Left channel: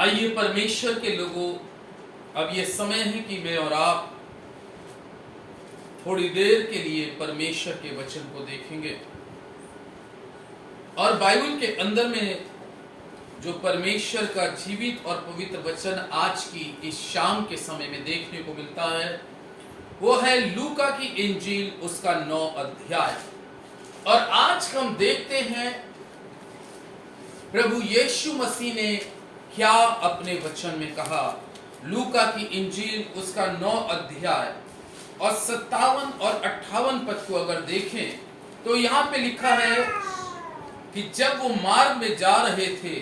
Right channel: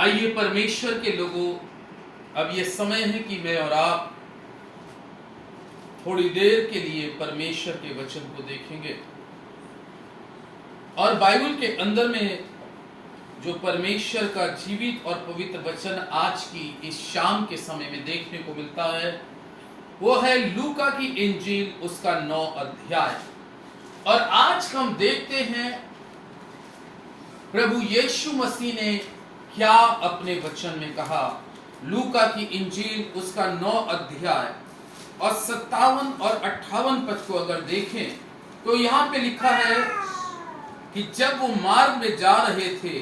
आइए परमेश्वर के लोगों, अब ये समय है कि मैं और आप थोड़ी देर के लिए परमेश्वर के वचन को देखेंगे। और बाइबल के अंदर में जो परमेश्वर का जीवित और पवित्र वचन आज की इस शाम के समय में देखने को मिलता है, वो है लूका की इंजील, उसका 9 अध्याय। और आज हम देखते हैं प्रभु यीशु मसीह ने क्या अपने वचन में कहा। लूका की इंजील उसका 9 अध्याय और 57 और 58 पद को अगर देखें तो यहाँ पे लिखा है कि जब वो मार्ग में जा रहे थे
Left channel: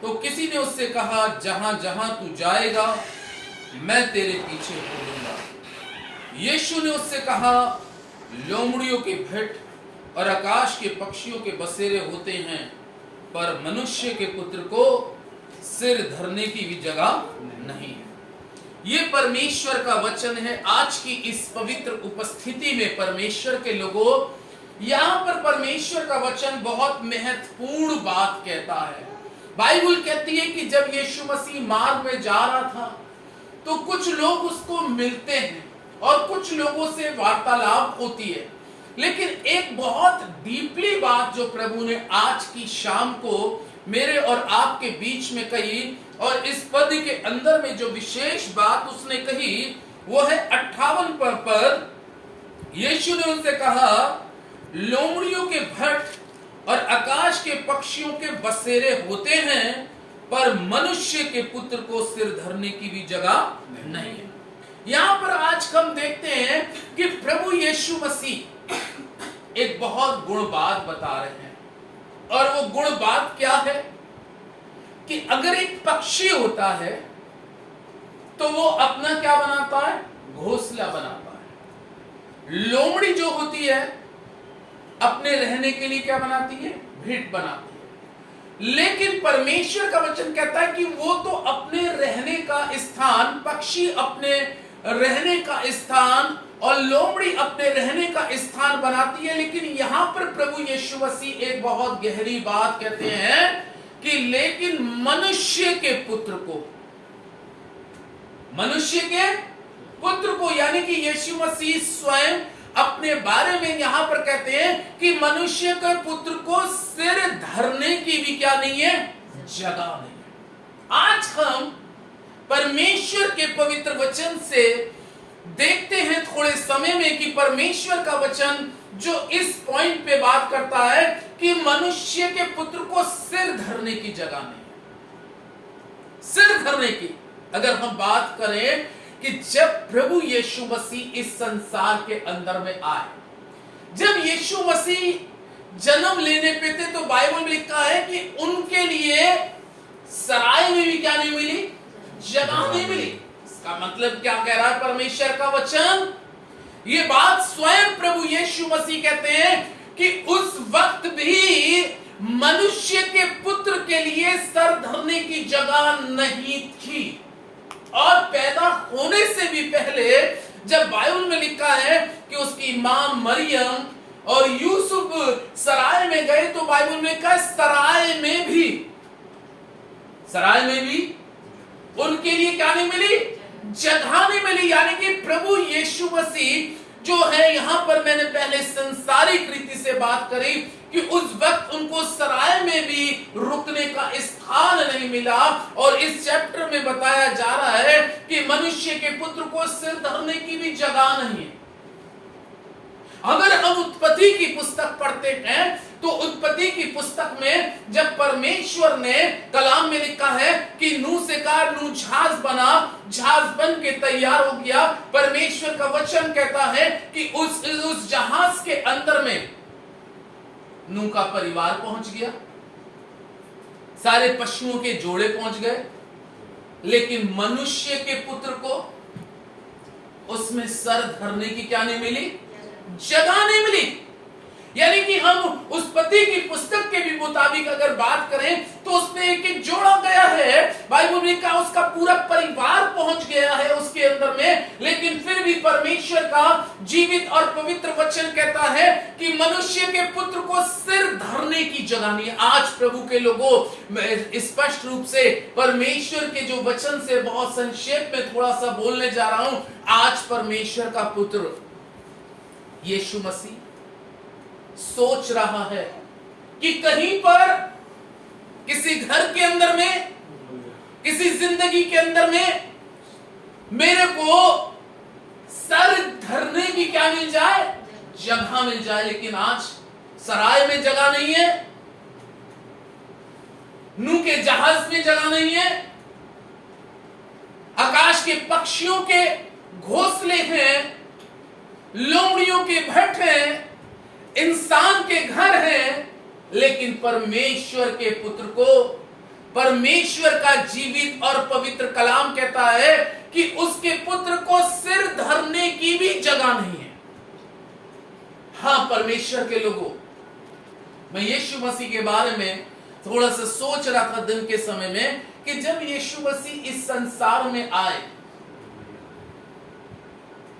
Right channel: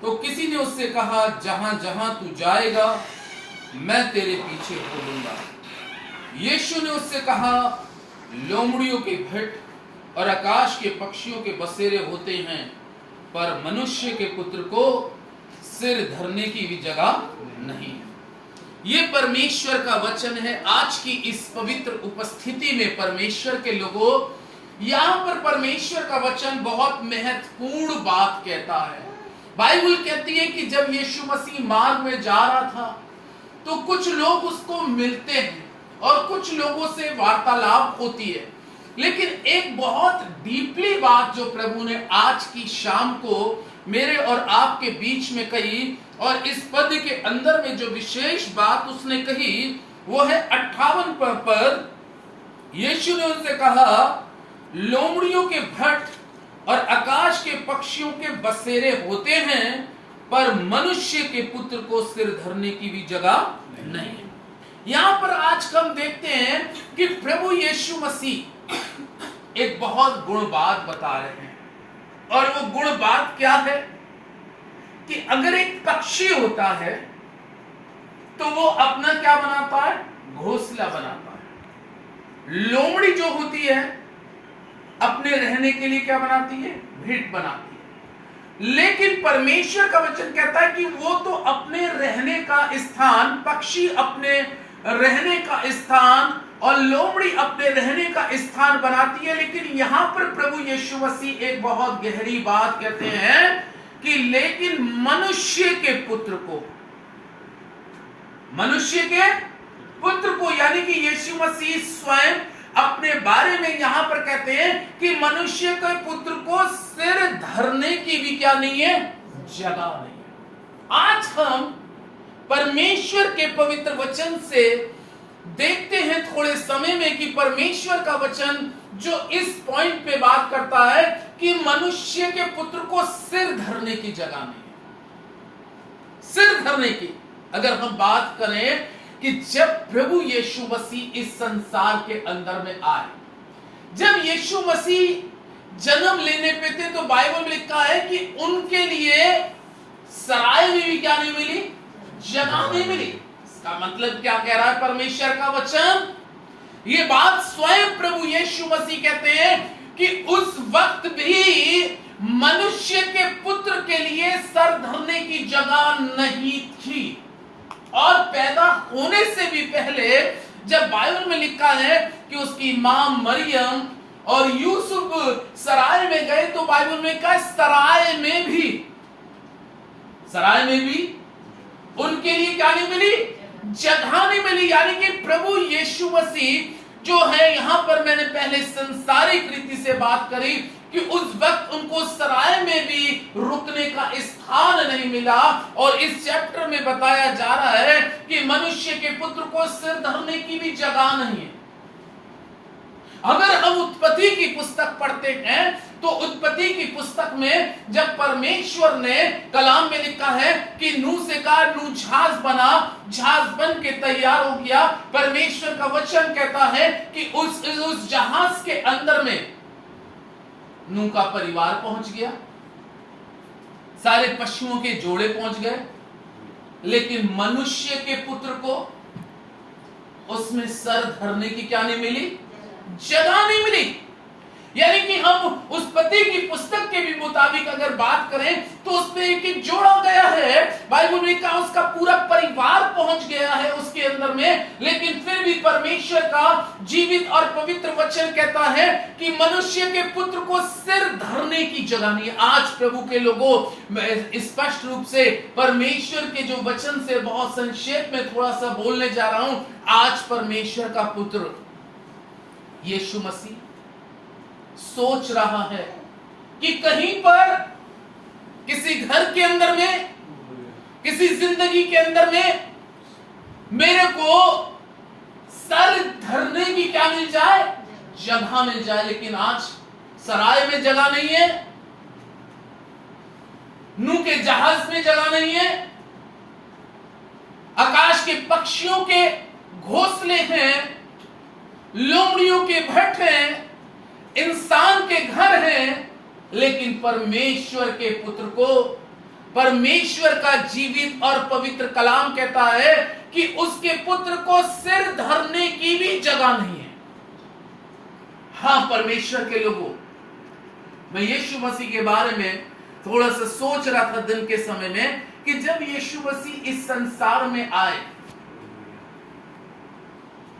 तो किसी ने उससे कहा, जहां जहां तू जाएगा मैं तेरे पीछे बोलूंगा। यीशु ने उससे कहा, लोमड़ियों के भेंट और आकाश के पक्षियों के बसेरे होते हैं, पर मनुष्य के पुत्र को सिर धरने की भी जगह नहीं है। ये परमेश्वर का वचन है। आज की इस पवित्र उपस्थिति में परमेश्वर के लोगों, यहाँ पर परमेश्वर का वचन बहुत महत्वपूर्ण बात कहता है। बाइबल कहती है कि जब यीशु मसीह मार्ग में जा रहा था तो कुछ लोग उसको मिलते हैं और कुछ लोगों से वार्तालाप होती है, लेकिन एक बहुत डीपली बात जो प्रभु ने आज की शाम को मेरे और आपके बीच में कही, और इस पद के अंदर में जो विशेष बात उसने कही वो है 58 पर यीशु ने उनसे कहा, लोमड़ियों के भट्ट और आकाश के पक्षियों के बसेरे होते हैं, पर मनुष्य के पुत्र को सिर धरने की भी जगह नहीं है। यहां पर आज हम देखते हैं कि प्रभु यीशु मसीह एक बहुत गुण बात बता रहे हैं, और वो गुण बात क्या है कि अगर एक पक्षी होता है तो वो अपना क्या बनाता है? घोंसला बनाता है। लोमड़ी जो होती है अपने रहने के लिए क्या बनाती है? भेंट बनाती है। लेकिन परमेश्वर का वचन कहता है कि वो तो अपने रहने का स्थान, पक्षी अपने रहने का स्थान और लोमड़ी अपने रहने का स्थान बनाती है। लेकिन यहां पर प्रभु यीशु मसीह एक बहुत गहरी बात कहते हैं कि लेकिन मनुष्य के पुत्र को, मनुष्य के पुत्र को, यानी कि यीशु मसीह स्वयं अपने बारे में यहां पर कहते हैं कि मनुष्य के पुत्र को सिर धरने की भी क्या नहीं है? जगह नहीं है। आज हम परमेश्वर के पवित्र वचन से देखते हैं थोड़े समय में कि परमेश्वर का वचन जो इस पॉइंट पे बात करता है कि मनुष्य के पुत्र को सिर धरने की जगह नहीं है। सिर धरने की अगर हम बात करें कि जब प्रभु यीशु मसीह इस संसार के अंदर में आए, जब यीशु मसीह जन्म लेने पे थे तो बाइबल में लिखा है कि उनके लिए सराय में भी क्या नहीं मिली? जगह नहीं मिली। इसका मतलब क्या कह रहा है परमेश्वर का वचन? ये बात स्वयं प्रभु यीशु मसीह कहते हैं कि उस वक्त भी मनुष्य के पुत्र के लिए सर धरने की जगह नहीं थी। और पैदा होने से भी पहले जब बाइबल में लिखा है कि उसकी मां मरियम और यूसुफ सराय में गए तो बाइबल में कहा सराय में भी उनके लिए क्या नहीं मिली? जगह नहीं मिली। यानी कि प्रभु यीशु मसीह जो है, यहां पर मैंने पहले संसारिक रीति से बात करी कि उस वक्त उनको सराय में भी रुकने का स्थान नहीं मिला। और इस चैप्टर में बताया जा रहा है कि मनुष्य के पुत्र को सिर धरने की भी जगह नहीं है। अगर हम उत्पत्ति की पुस्तक पढ़ते हैं तो उत्पत्ति की पुस्तक में जब परमेश्वर ने कलाम में लिखा है कि नूह से कहा, नूह जहाज बना, जहाज बन के तैयार हो गया। परमेश्वर का वचन कहता है कि उस जहाज के अंदर में नूह का परिवार पहुंच गया, सारे पशुओं के जोड़े पहुंच गए, लेकिन मनुष्य के पुत्र को उसमें सर धरने की क्या नहीं मिली? जगह नहीं मिली। यानी कि हम उत्पत्ति की पुस्तक के भी मुताबिक अगर बात करें तो उसमें एक एक जोड़ा गया है। बाइबल में कहा उसका पूरा परिवार पहुंच गया है उसके अंदर में, लेकिन फिर भी परमेश्वर का जीवित और पवित्र वचन कहता है कि मनुष्य के पुत्र को सिर धरने की जगह नहीं। आज प्रभु के लोगों, मैं स्पष्ट रूप से परमेश्वर के जो वचन से बहुत संक्षेप में थोड़ा सा बोलने जा रहा हूं। आज परमेश्वर का पुत्र यीशु मसीह सोच रहा है कि कहीं पर किसी घर के अंदर में, किसी जिंदगी के अंदर में मेरे को सर धरने की क्या मिल जाए, जगह मिल जाए। लेकिन आज सराय में जगह नहीं है, नूह के जहाज में जगह नहीं है, आकाश के पक्षियों के घोंसले हैं, लोमड़ियों के भट्ट हैं, इंसान के घर हैं, लेकिन परमेश्वर के पुत्र को, परमेश्वर का जीवित और पवित्र कलाम कहता है कि उसके पुत्र को सिर धरने की भी जगह नहीं है। हां परमेश्वर के लोगों, मैं यीशु मसीह के बारे में थोड़ा सा सोच रहा था दिन के समय में कि जब यीशु मसीह इस संसार में आए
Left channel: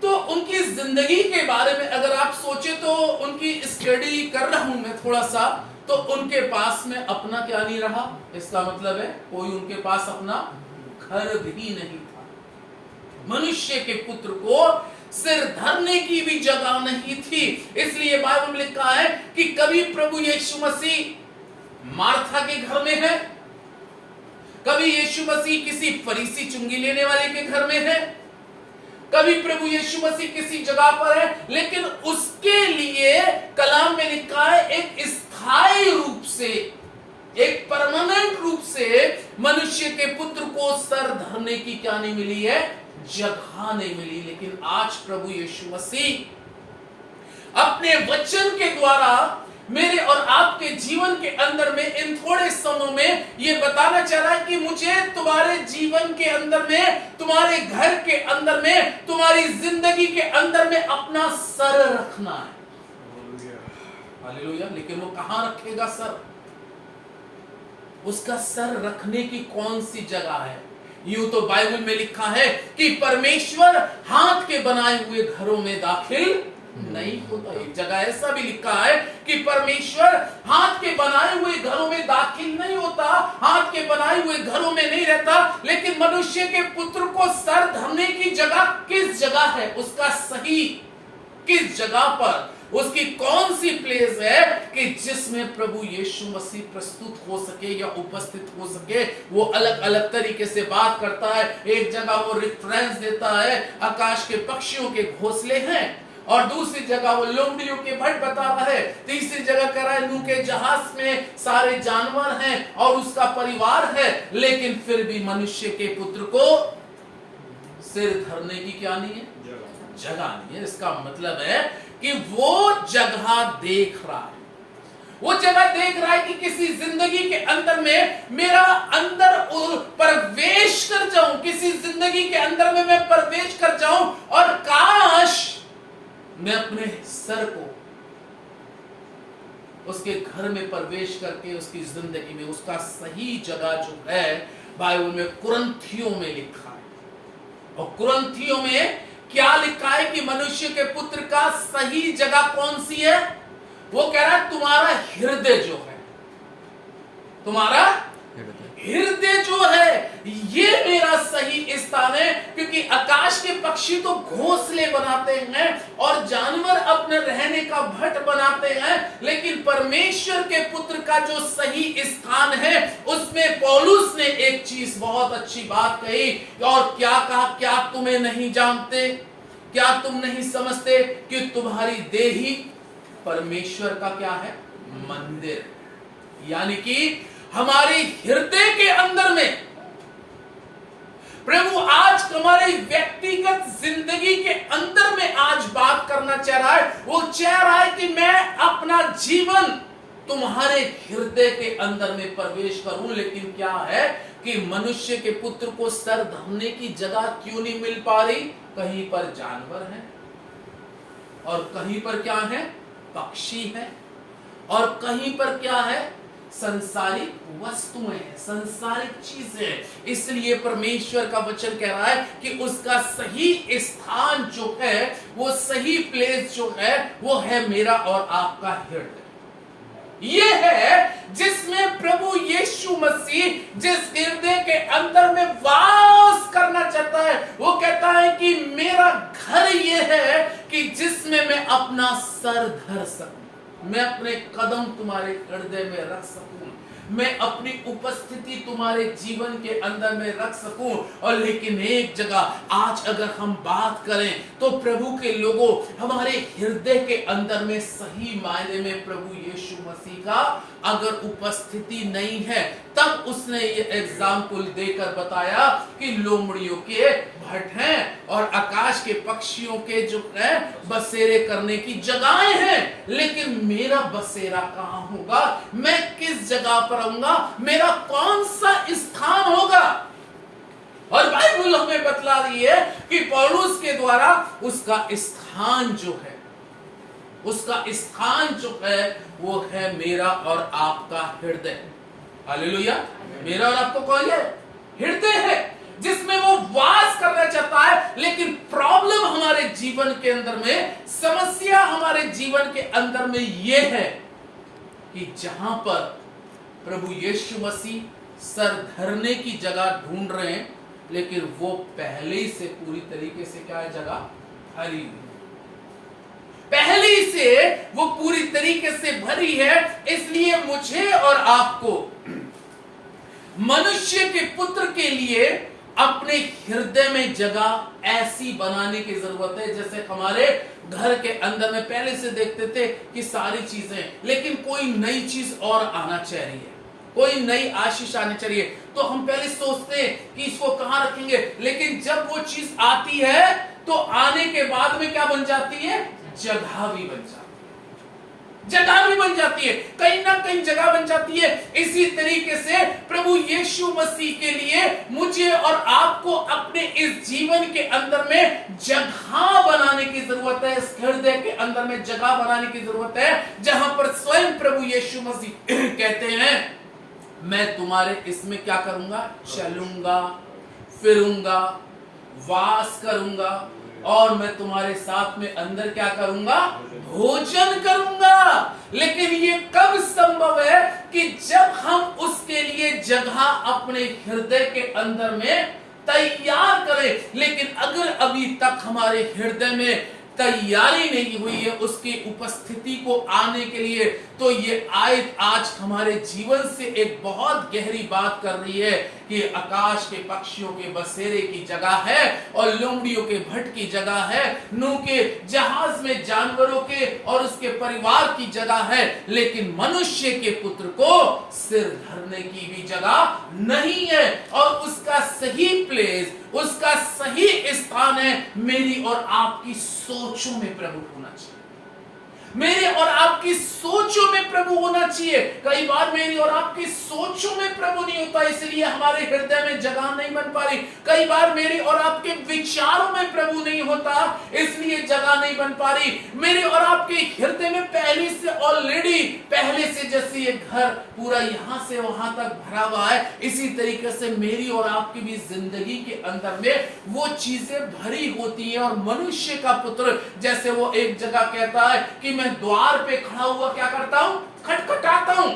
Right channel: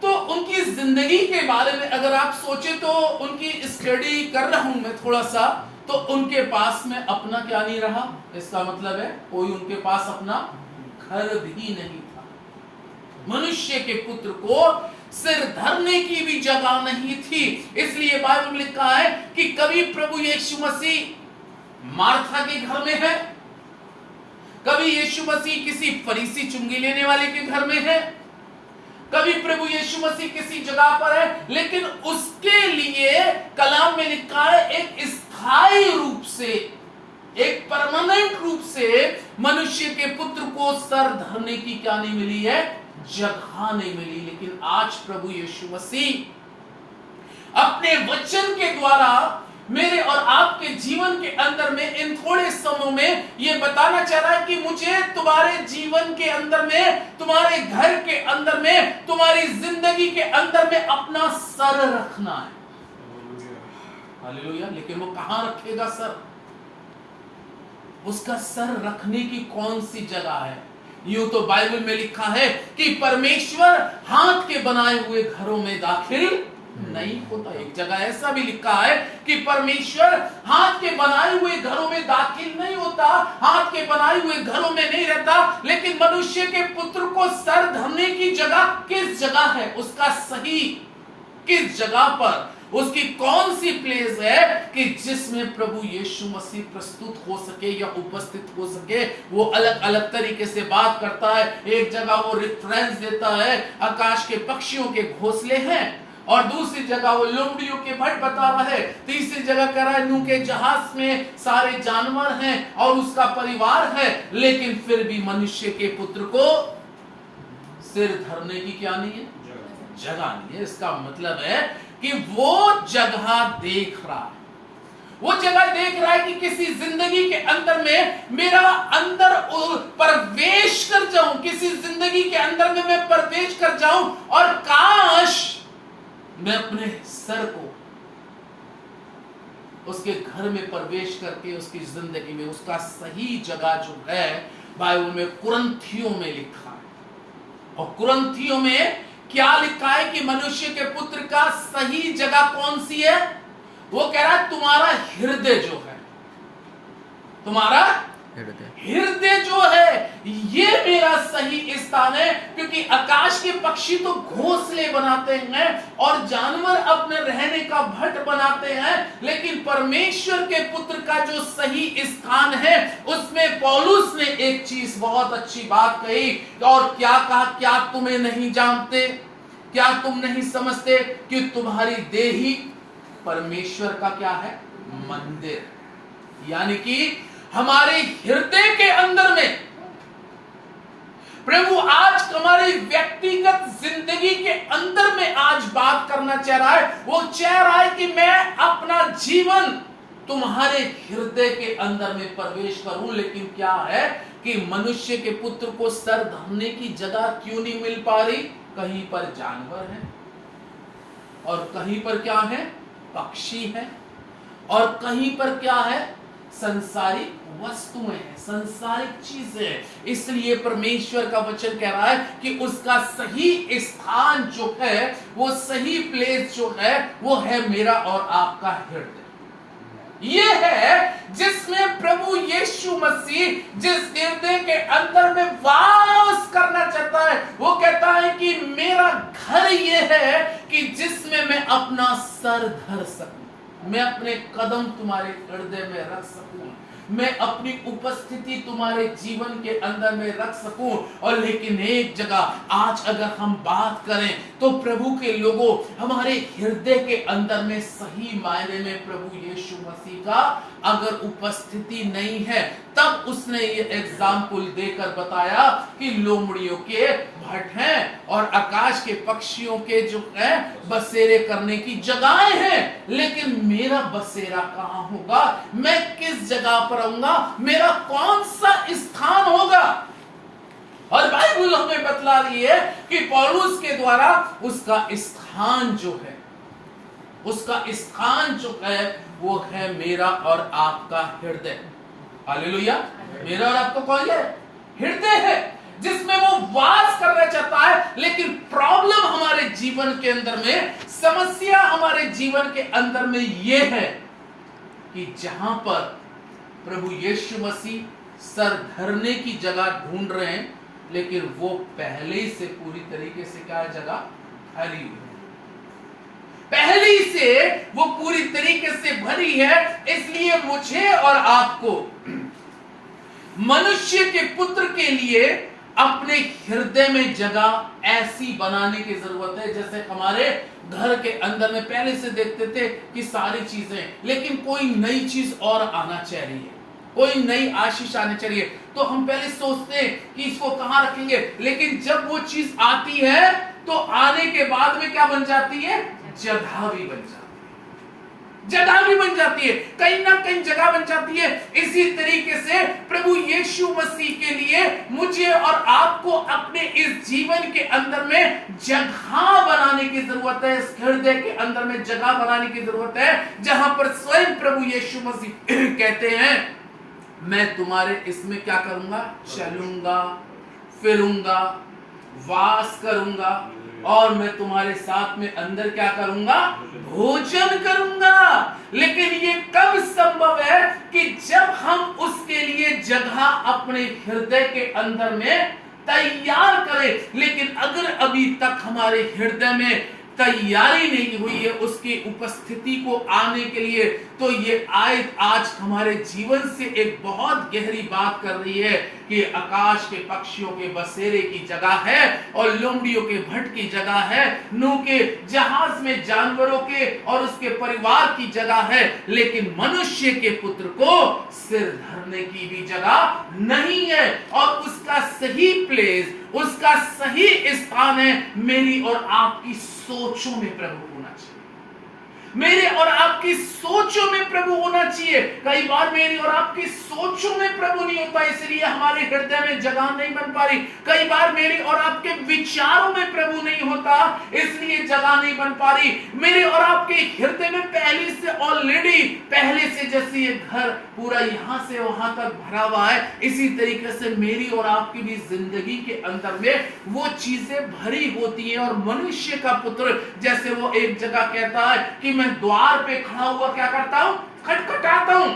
तो उनकी जिंदगी के बारे में अगर आप सोचे तो उनकी स्टडी कर रहा हूं मैं थोड़ा सा, तो उनके पास में अपना क्या नहीं रहा। इसका मतलब है कोई उनके पास अपना घर भी नहीं था। मनुष्य के पुत्र को सिर धरने की भी जगह नहीं थी। इसलिए बाइबल में लिखा है कि कभी प्रभु यीशु मसीह मार्था के घर में है, कभी यीशु मसीह किसी फरीसी चुंगी लेने वाले के घर में है, कभी प्रभु यीशु मसीह किसी जगह पर है, लेकिन उसके लिए कलाम में लिखा है एक स्थायी रूप से, एक परमानेंट रूप से मनुष्य के पुत्र को सर धरने की क्या नहीं मिली है, जगह नहीं मिली। लेकिन आज प्रभु यीशु मसीह अपने वचन के द्वारा मेरे और आपके जीवन के अंदर में इन थोड़े समयों में ये बताना चाह रहा है कि मुझे तुम्हारे जीवन के अंदर में, तुम्हारे घर के अंदर में, तुम्हारी जिंदगी के अंदर में अपना सर रखना है। हालेलुया। लेकिन वो कहां रखेगा सर? उसका सर रखने की कौन सी जगह है? यूं तो बाइबल में लिखा है कि परमेश्वर हाथ के बनाए हुए घरों में दाखिल नहीं होता। एक जगह ऐसा भी लिखा है कि परमेश्वर हाथ के बनाए हुए घरों में दाखिल नहीं होता, हाथ के बनाए हुए घरों में नहीं रहता। लेकिन मनुष्य के पुत्र को सर धरने की जगह किस जगह है, उसका सही किस जगह पर, उसकी कौन सी प्लेस है कि जिसमें प्रभु यीशु मसीह प्रस्तुत हो सके या उपस्थित हो सके। वो अलग अलग तरीके से बात करता है। एक जगह वो रेफरेंस देता है आकाश के पक्षियों के घोंसले हैं, और दूसरी जगह वो लोमड़ियों के भट्ट बता रहा है, तीसरी जगह कह रहा है नूह के जहाज में सारे जानवर हैं और उसका परिवार है, लेकिन फिर भी मनुष्य के पुत्र को सिर धरने की क्या नहीं है, जगह नहीं है। इसका मतलब है कि वो जगह देख रहा है, वो जगह देख रहा है कि किसी जिंदगी के अंदर में मेरा अंदर प्रवेश कर जाऊं, किसी जिंदगी के अंदर में मैं प्रवेश कर जाऊं, और काश मैं अपने सर को उसके घर में प्रवेश करके उसकी जिंदगी में उसका सही जगह जो है, बाइबल में कुरिन्थियों में लिखा है। और कुरिन्थियों में क्या लिखा है कि मनुष्य के पुत्र का सही जगह कौन सी है? वो कह रहा है तुम्हारा हृदय जो है, तुम्हारा हृदय जो है ये मेरा सही स्थान है। क्योंकि आकाश के पक्षी तो घोंसले बनाते हैं और जानवर अपने रहने का भट्ट बनाते हैं, लेकिन परमेश्वर के पुत्र का जो सही स्थान है उसमें पौलुस ने एक चीज बहुत अच्छी बात कही। और क्या कहा? क्या तुम्हें नहीं जानते, क्या तुम नहीं समझते कि तुम्हारी देह ही परमेश्वर का क्या है, मंदिर। यानी कि हमारे हृदय के अंदर में प्रभु आज हमारी व्यक्तिगत जिंदगी के अंदर में आज बात करना चाह रहा है। वो चाह रहा है कि मैं अपना जीवन तुम्हारे हृदय के अंदर में प्रवेश करूं। लेकिन क्या है कि मनुष्य के पुत्र को सर धरने की जगह क्यों नहीं मिल पा रही? कहीं पर जानवर हैं और कहीं पर क्या है, पक्षी है, और कहीं पर क्या है, संसारिक वस्तुएं हैं, संसारिक चीजें हैं। इसलिए परमेश्वर का वचन कह रहा है कि उसका सही स्थान जो है, वो सही प्लेस जो है, वो है मेरा और आपका हृदय। ये है जिसमें प्रभु यीशु मसीह जिस हृदय के अंदर में वास करना चाहता है। वो कहता है कि मेरा घर ये है कि जिसमें मैं अपना सर धर सकूं, मैं अपने कदम तुम्हारे हृदय में रख सकूं, मैं अपनी उपस्थिति तुम्हारे जीवन के अंदर में रख सकूं। और लेकिन एक जगह आज अगर हम बात करें तो प्रभु के लोगों, हमारे हृदय के अंदर में सही मायने में प्रभु यीशु मसीह का अगर उपस्थिति नहीं है, तब उसने ये एग्जाम्पल देकर बताया कि लोमड़ियों के भट्ट हैं और आकाश के पक्षियों के जो है बसेरे करने की जगहें हैं, लेकिन मेरा बसेरा कहां होगा, मैं किस जगह पर आऊंगा, मेरा कौन सा स्थान होगा। और बाइबल हमें बतला रही है कि पौलुस के द्वारा उसका स्थान जो है, उसका स्थान जो है वो है मेरा और आपका हृदय। हालेलुया। मेरा और आपका कौन है, हृदय है, जिसमें वो वास करना चाहता है। लेकिन प्रॉब्लम हमारे जीवन के अंदर में, समस्या हमारे जीवन के अंदर में ये है कि जहां पर प्रभु यीशु मसीह सर धरने की जगह ढूंढ रहे हैं, लेकिन वो पहले से पूरी तरीके से क्या है, जगह भरी हुई, पहले से वो पूरी तरीके से भरी है। इसलिए मुझे और आपको मनुष्य के पुत्र के लिए अपने हृदय में जगह ऐसी बनाने की जरूरत है, जैसे हमारे घर के अंदर में पहले से देखते थे कि सारी चीजें, लेकिन कोई नई चीज और आना चाहिए, कोई नई आशीष आनी चाहिए, तो हम पहले सोचते हैं कि इसको कहां रखेंगे। लेकिन जब वो चीज आती है तो आने के बाद में क्या बन जाती है, जगह भी बन जाती है, जगह भी बन जाती है, कहीं ना कहीं जगह बन जाती है। इसी तरीके से प्रभु यीशु मसीह के लिए मुझे और आपको अपने इस जीवन के अंदर में जगह बनाने की जरूरत है, इस हृदय के अंदर में जगह बनाने की जरूरत है, जहां पर स्वयं प्रभु यीशु मसीह कहते हैं मैं तुम्हारे इसमें क्या करूंगा, चलूंगा, फिरूंगा, वास करूंगा, और मैं तुम्हारे साथ में अंदर क्या करूंगा, भोजन करूंगा। लेकिन ये कब संभव है कि जब हम उसके लिए जगह अपने हृदय के अंदर में तैयार करें। लेकिन अगर अभी तक हमारे हृदय में तैयारी नहीं हुई है उसकी उपस्थिति को आने के लिए, तो ये आयत आज हमारे जीवन से एक बहुत गहरी बात कर रही है कि आकाश के पक्षियों के बसेरे की जगह है और लोमड़ियों के भट्ट की जगह है, नूह के जहाज में जानवरों के और उसके परिवार की जगह है, लेकिन मनुष्य के पुत्र को सिर धरने की भी जगह नहीं है। और उसका सही प्लेस, उसका सही स्थान है मेरी और आपकी सोचों में प्रभु होना चाहिए, मेरे और आपकी सोचों में प्रभु होना चाहिए। कई बार मेरी और आपकी सोचों में प्रभु नहीं होता, इसलिए हमारे हृदय में जगह नहीं बन पा रही। कई बार मेरे और आपके विचारों में प्रभु नहीं होता, इसलिए जगह नहीं बन पा रही। मेरे और आपके हृदय में पहले से ऑलरेडी, पहले से जैसे ये घर पूरा यहां से वहां तक भरा हुआ है, इसी तरीके से मेरी और आपकी भी जिंदगी के अंदर में वो चीजें भरी होती है। और मनुष्य का पुत्र जैसे वो एक जगह कहता है कि मैं द्वार पे खड़ा हुआ क्या करता हूं, खटखटाता हूं।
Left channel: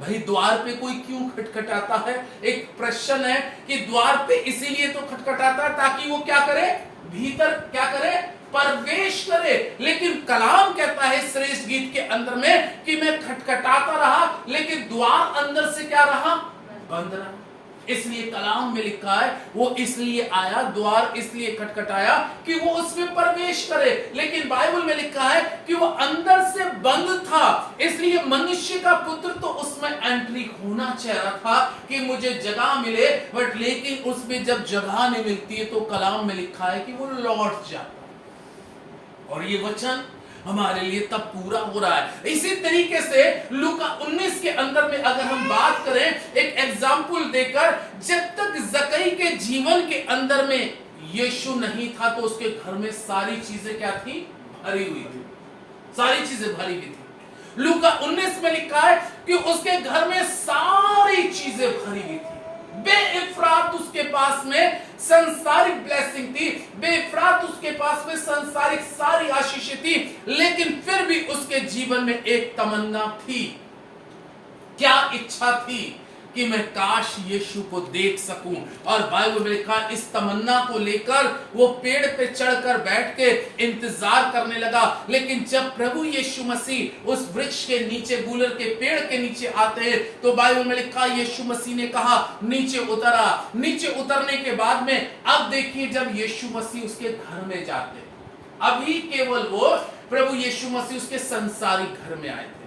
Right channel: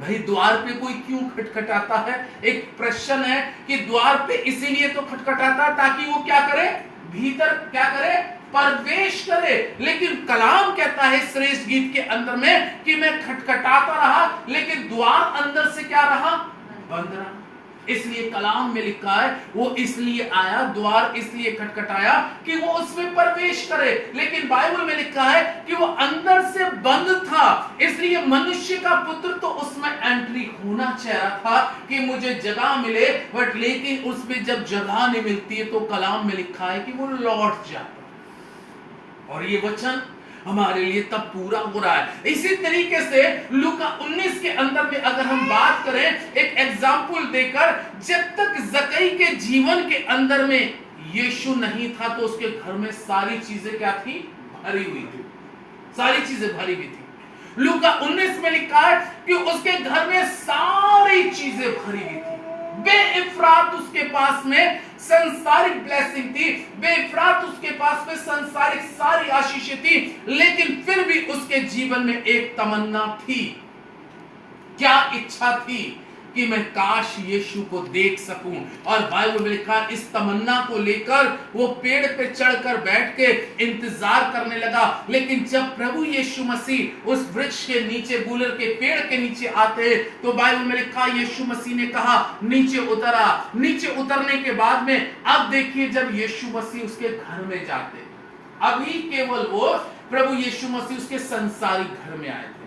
भाई द्वार पे कोई क्यों खटखटाता है, एक प्रश्न है कि द्वार पे इसीलिए तो खटखटाता है ताकि वो क्या करे, भीतर क्या करे, प्रवेश करे। लेकिन कलाम कहता है श्रेष्ठ गीत के अंदर में कि मैं खटखटाता रहा लेकिन द्वार अंदर से क्या रहा, बंद रहा। इसलिए कलाम में लिखा है वो इसलिए आया, द्वार इसलिए खटखटाया कि वो उसमें प्रवेश करे। लेकिन बाइबल में लिखा है कि वो अंदर से बंद था, इसलिए मनुष्य का पुत्र तो उसमें एंट्री होना चाह था कि मुझे जगह मिले, बट लेकिन उसमें जब जगह नहीं मिलती है तो कलाम में लिखा है कि वो लौट जाता। और ये वचन हमारे लिए तब पूरा हो रहा है। इसी तरीके से लूका 19 के अंदर में अगर हम बात करें एक एग्जाम्पल देकर, जब तक जकई के जीवन के अंदर में यीशु नहीं था तो उसके घर में सारी चीजें क्या थी, भरी हुई थी, सारी चीजें भरी हुई थी। लूका 19 में लिखा है कि उसके घर में सारी चीजें भरी हुई थी, बेइफरात उसके पास में संसारिक ब्लेसिंग थी, बेइफरात उसके पास में संसारिक सारी आशीषें थी, लेकिन फिर भी उसके जीवन में एक तमन्ना थी। क्या इच्छा थी? कि मैं काश यीशु को देख सकूं। और बाइबल में लिखा इस तमन्ना को लेकर वो पेड़ पे चढ़कर बैठ के इंतजार करने लगा। लेकिन जब प्रभु यीशु मसीह उस वृक्ष के नीचे, गूलर के पेड़ के नीचे आते हैं, तो बाइबल में लिखा यीशु मसीह ने कहा नीचे उतरा। नीचे उतरने के बाद में अब देखिए जब यीशु मसीह उसके घर में जाते, अभी केवल वो प्रभु यीशु मसीह उसके संसारिक घर में आए थे।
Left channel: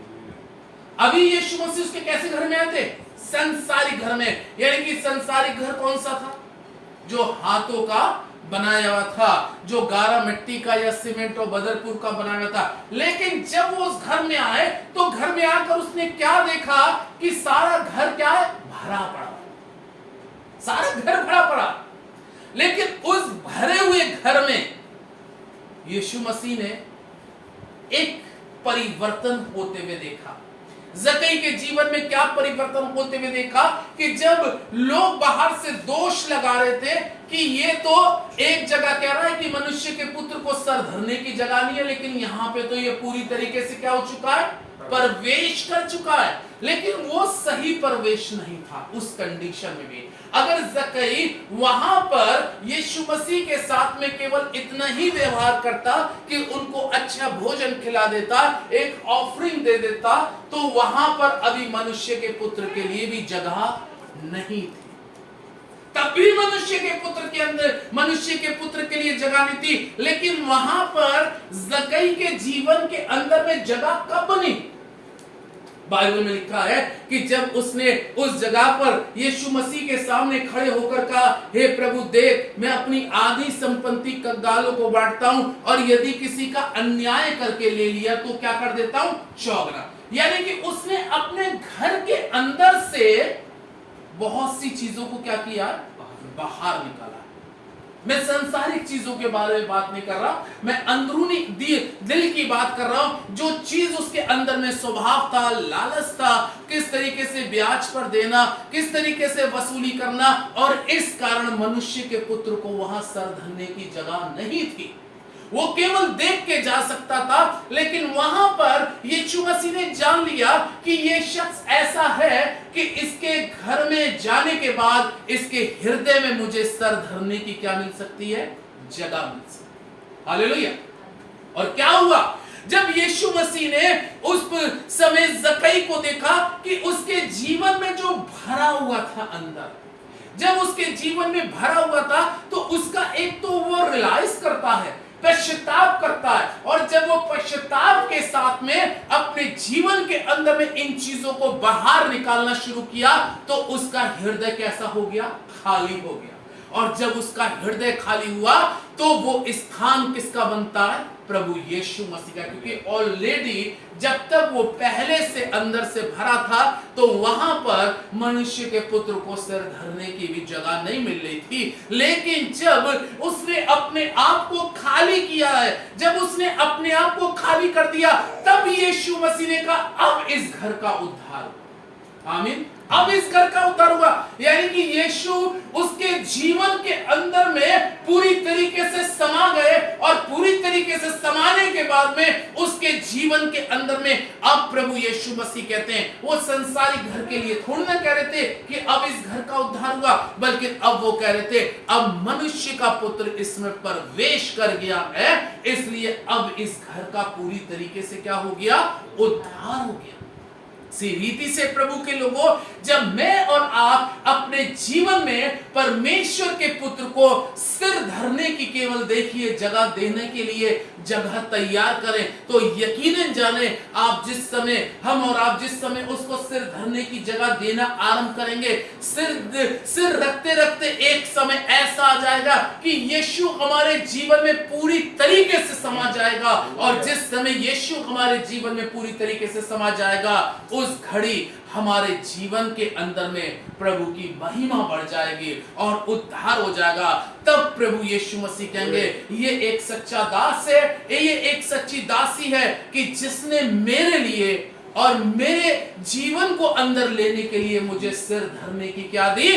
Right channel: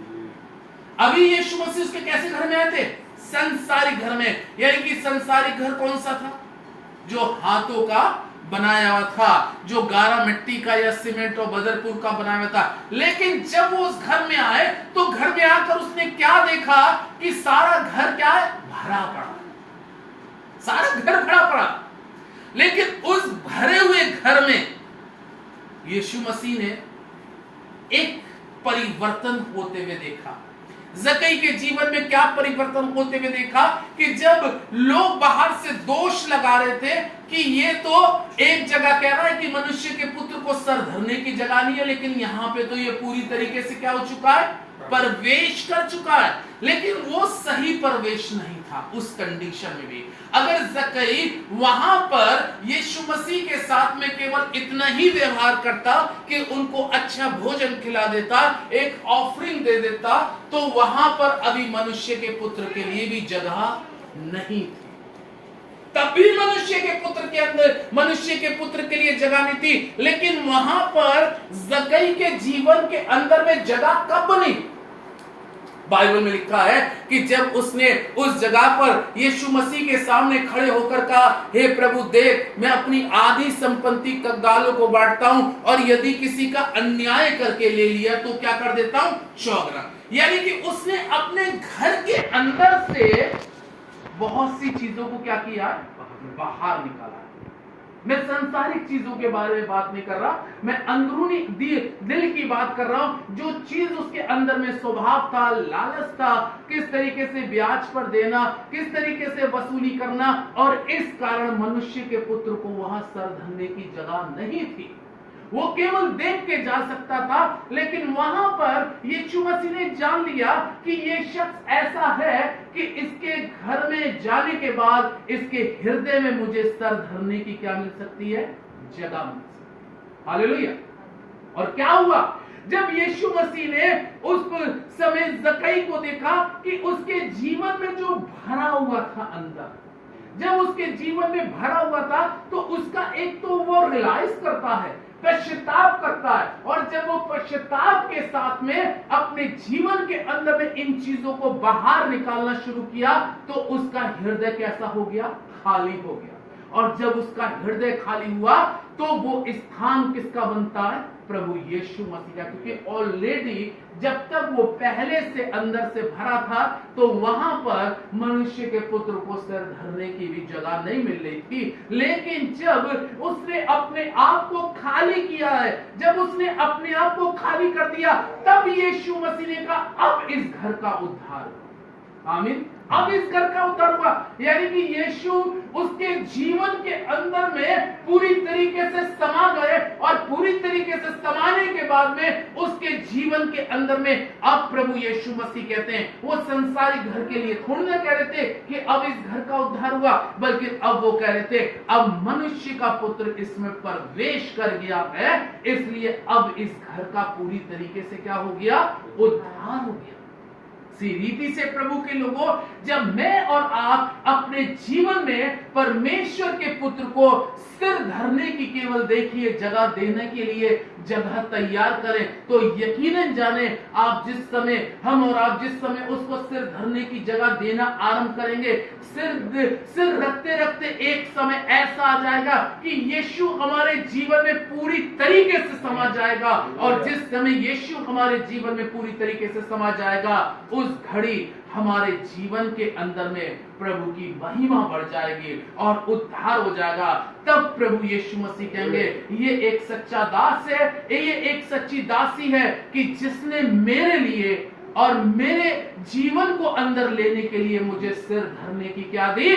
अभी यीशु मसीह उसके कैसे घर में आए थे? संसारिक घर में। यानी कि संसारिक घर कौन सा था? जो हाथों का बनाया हुआ था, जो गारा मिट्टी का या सीमेंट और बदरपुर का बनाया हुआ था। लेकिन जब वो उस घर में आए तो घर में आकर उसने क्या देखा कि सारा घर क्या है? भरा पड़ा। सारा घर भरा पड़ा। लेकिन उस भरे हुए घर में यीशु मसीह ने एक परिवर्तन होते हुए देखा। जकई के जीवन में क्या परिवर्तन होते हुए देखा कि जब लोग बाहर से दोष लगा रहे थे कि ये तो एक जगह कह रहा है कि मनुष्य के पुत्र को सर धरने की जगह नहीं है, लेकिन यहां पे तो ये पूरी तरीके से क्या हो चुका है? प्रवेश कर चुका है। लेकिन वो सही प्रवेश नहीं था उस कंडीशन में भी। अगर जकई वहां पर यीशु मसीह के साथ में केवल इतना ही व्यवहार करता कि उनको अच्छा भोजन खिला देता, एक ऑफरिंग दे देता, तो वहां पर अभी मनुष्य के पुत्र के लिए भी जगह नहीं थी। तब भी मनुष्य के पुत्र के अंदर, मनुष्य के पुत्र के लिए जगह नहीं थी। लेकिन वहां पर जकई के जीवन के अंदर में जगह कब बनी? बाइबल में लिखा है कि जब उसने उस जगह पर यीशु मसीह के सामने खड़े होकर कहा, हे प्रभु देख, मैं अपनी आधी संपत्ति कंगालों को बांटता हूं, और यदि किसी का अन्याय करके ले लिया तो क्या कर देता हूं? चौगुना। यानी कि उसने अपने घर के अंदर से बहुत सी चीजों को क्या किया? बाहर निकाला। मैं संसारिक चीजों के बारे में बात नहीं कर रहा, मैं अंदरूनी दिल की बात कर रहा हूं। जो चीज उसके अंदर में स्वभाव था, लालच था, किस तरीके से ब्याज पर देना, किस तरीके से वसूली करना, और इस कारण मनुष्य के पुत्र को वहां सर धरने की जगह नहीं थी। वो केवल देख के जा सकता था। लेकिन वहां पर यीशु मसीह ने जान लिया कि ये शख्स ऐसा है कि इसके घर में जाने के बाद इसके हृदय में मुझे सर धरने की क्या मिल सकती है? जगह मिल सकती है। हालेलुया। और क्या हुआ? जब यीशु मसीह ने उस समय जकई को देखा कि उसके जीवन में जो भरा हुआ था अंदर, जब उसके जीवन में भरा हुआ था, तो उसका एक तो वो रियलाइज करता है, पश्चाताप करता है, और जब वो पश्चाताप के साथ में अपने जीवन के अंदर में इन चीजों को बाहर निकालना शुरू किया, तो उसका हृदय कैसा हो गया? खाली हो गया। और जब उसका हृदय खाली हुआ तो वो स्थान किसका बनता है? प्रभु यीशु मसीह का। क्योंकि ऑलरेडी जब तक वो पहले से अंदर से भरा था, तो वहां पर मनुष्य के पुत्र को सिर धरने की भी जगह नहीं मिल रही थी। लेकिन जब उसने अपने आप को खाली किया है, जब उसने अपने आप को खाली कर दिया, तब यीशु मसीह ने कहा अब इस घर का उद्धार। आमीन। अब इस घर का उद्धार हुआ। यानी कि यीशु उसके जीवन के अंदर में पूरी तरीके से समा गए, और पूरी तरीके से समाने के बाद में उसके जीवन के अंदर में अब प्रभु यीशु मसीह कहते हैं, वो संसारिक घर के लिए थोड़ी ना कह रहे थे कि अब इस घर का उद्धार हुआ, बल्कि अब वो कह रहे थे अब मनुष्य का पुत्र इसमें प्रवेश कर गया है, इसलिए अब इस घर का पूरी तरीके से क्या हो गया? उद्धार हो गया। सी रीति से प्रभु के लोगों, जब मैं और आप अपने जीवन में परमेश्वर के पुत्र को सिर धरने की केवल देखिए जगह देने के लिए जगह तैयार करें, तो यकीनन जाने आप जिस समय, हम और आप जिस समय उसको सिर धरने की जगह देना आरंभ करेंगे, सिर रखते रखते एक समय ऐसा आ जाएगा कि यीशु हमारे जीवन में पूरी तरीके से समा जाएगा। और जिस समय यीशु हमारे जीवन में पूरी तरीके से समा जाएगा, उस घड़ी हमारे जीवन के अंदर में प्रभु की महिमा बढ़ जाएगी और उद्धार हो जाएगा। तब प्रभु यीशु मसीह कहेंगे, ये एक सच्चा दास है, ये एक सच्ची दासी है कि जिसने मेरे लिए और मेरे जीवन को अंदर लेने के लिए मुझे सिर धरने की क्या दी?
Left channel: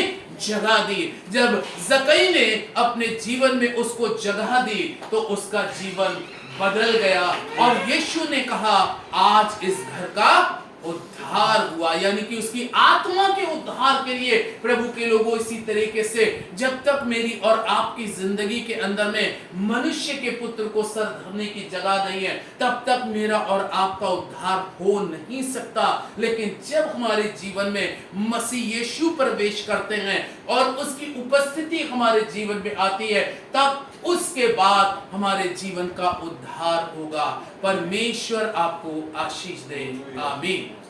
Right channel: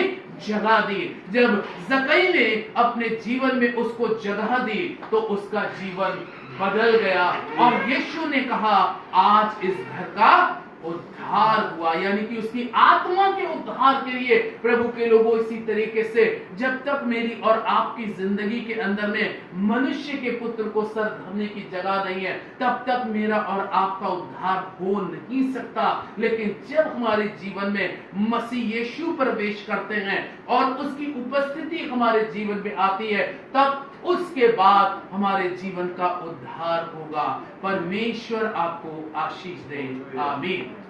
जगह दी। जब जक्कई ने अपने जीवन में उसको जगह दी तो उसका जीवन बदल गया और यीशु ने कहा आज इस घर का उद्धार हुआ, यानी कि उसकी आत्मा के उद्धार के लिए। प्रभु के लोगों, इसी तरीके से जब तक मेरी और आपकी जिंदगी के अंदर में मनुष्य के पुत्र को सर धरने की जगह नहीं है, तब तक मेरा और आपका उद्धार हो नहीं सकता। लेकिन जब हमारे जीवन में मसीह यीशु प्रवेश करते हैं और उसकी उपस्थिति हमारे जीवन में आती है, तब उसके बाद हमारे जीवन का उद्धार होगा। परमेश्वर आपको आशीष दे। आमीन।